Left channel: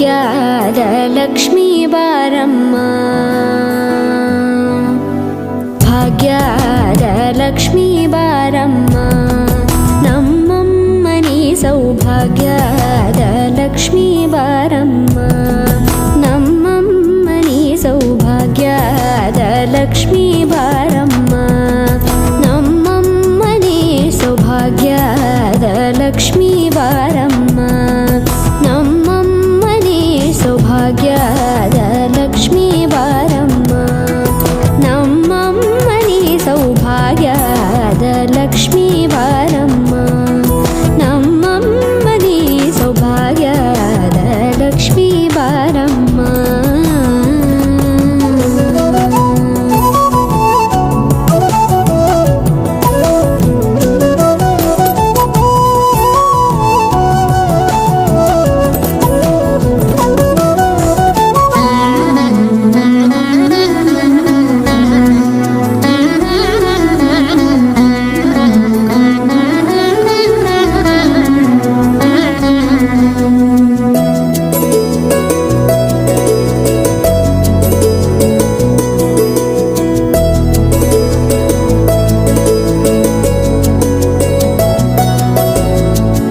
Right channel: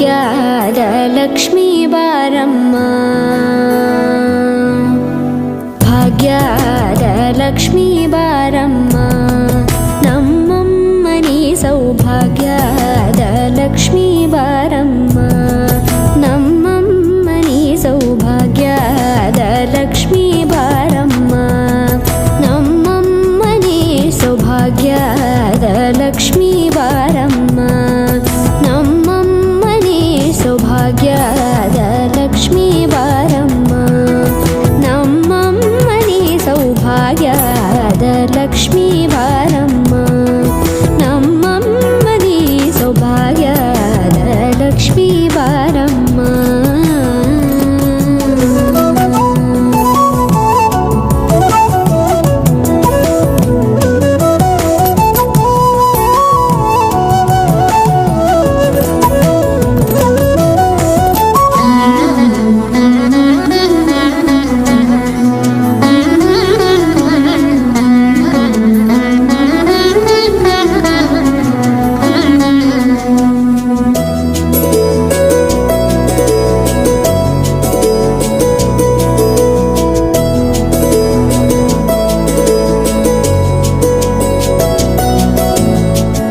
ಭಾಗ್ಯದ ಲಕ್ಷ್ಮೀ ಬಾರಮ್ಮ ಭಾಗ್ಯದ ಲಕ್ಷ್ಮೀ ಬಾರಮ್ಮ ನಮ್ಮಮ್ಮನಿ ಸೌಭಾಗ್ಯದ ಲಕ್ಷ್ಮೀ ಬಾರಮ್ಮ ನಮ್ಮಮ್ಮನಿ ಸೌಭಾಗ್ಯದ ಲಕ್ಷ್ಮೀ ಬಾರಮ್ಮ ನಮ್ಮಮ್ಮನಿ ಸೌಭಾಗ್ಯದ ಲಕ್ಷ್ಮೀ ಬಾರಮ್ಮ ನಮ್ಮಮ್ಮನಿ ಸೌಭಾಗ್ಯದ ಲಕ್ಷ್ಮೀ ಬಾರಮ್ಮ ನಮ್ಮಮ್ಮನಿ ಸೌಭಾಗ್ಯದ ಲಕ್ಷ್ಮೀ ಬಾರಮ್ಮ ನಮ್ಮಮ್ಮನಿ ಸೌಭಾಗ್ಯದ ಲಕ್ಷ್ಮೀ ಬಾರಮ್ಮ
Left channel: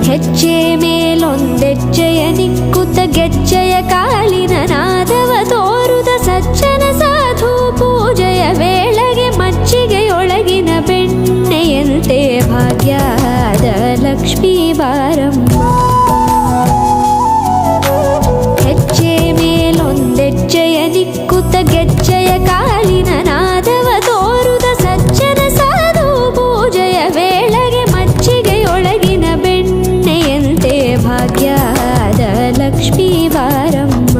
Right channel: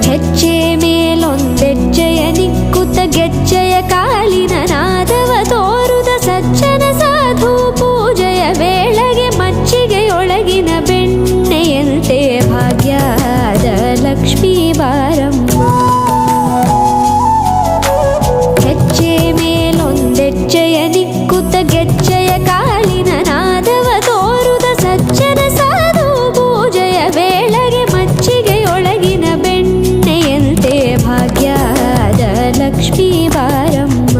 ಹೆಜ್ಜೆ ಮೇಲೊಂದೆಜ್ಜೆಯ ನಿಕ್ಕುತ್ತ ಗೆಜ್ಜೆಯ ಕಾಲಿನ ನಾದವ ತೋರುದ ಸಜ್ಜನ ಸಾಧು ಪೂಜೆಯ ವೇಳೆಗೆ ಮಜ್ಜಿಗೆಯೊಳಗಿನ ಬೆಣ್ಣೆಯಂತೆ ಭಾಗ್ಯದ ಲಕ್ಷ್ಮೀ ಬಾರಮ್ಮ ಹೆಜ್ಜೆ ಮೇಲೊಂದೆಜ್ಜೆಯ ನಿಕ್ಕುತ್ತ ಗೆಜ್ಜೆಯ ಕಾಲಿನ ನಾದವ ತೋರುದ ಸಜ್ಜನ ಸಾಧು ಪೂಜೆಯ ವೇಳೆಗೆ ಮಜ್ಜಿಗೆಯೊಳಗಿನ ಬೆಣ್ಣೆಯಂತೆ ಭಾಗ್ಯದ ಲಕ್ಷ್ಮೀ ಬಾರಮ್ಮ